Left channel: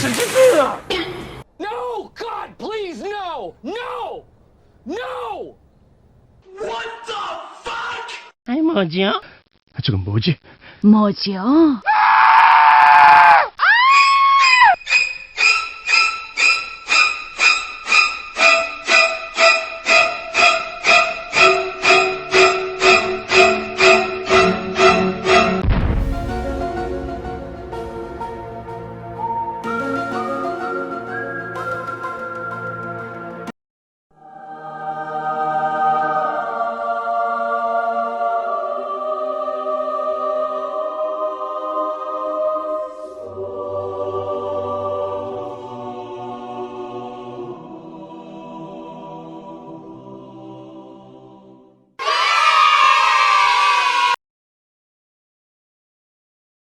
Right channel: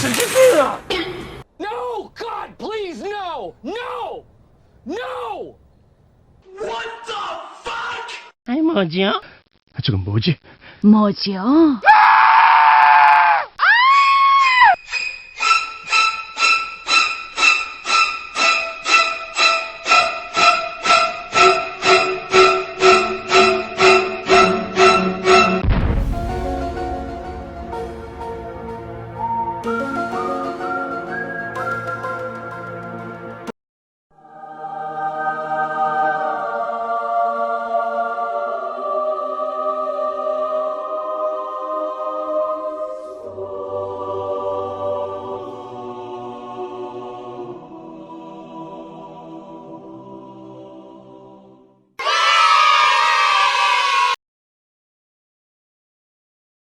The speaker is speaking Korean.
무슨 짓이야? No, God, please, no, no, no. What the fuck? 아이 뭐지요? 저건 뭐지? 뭐지요?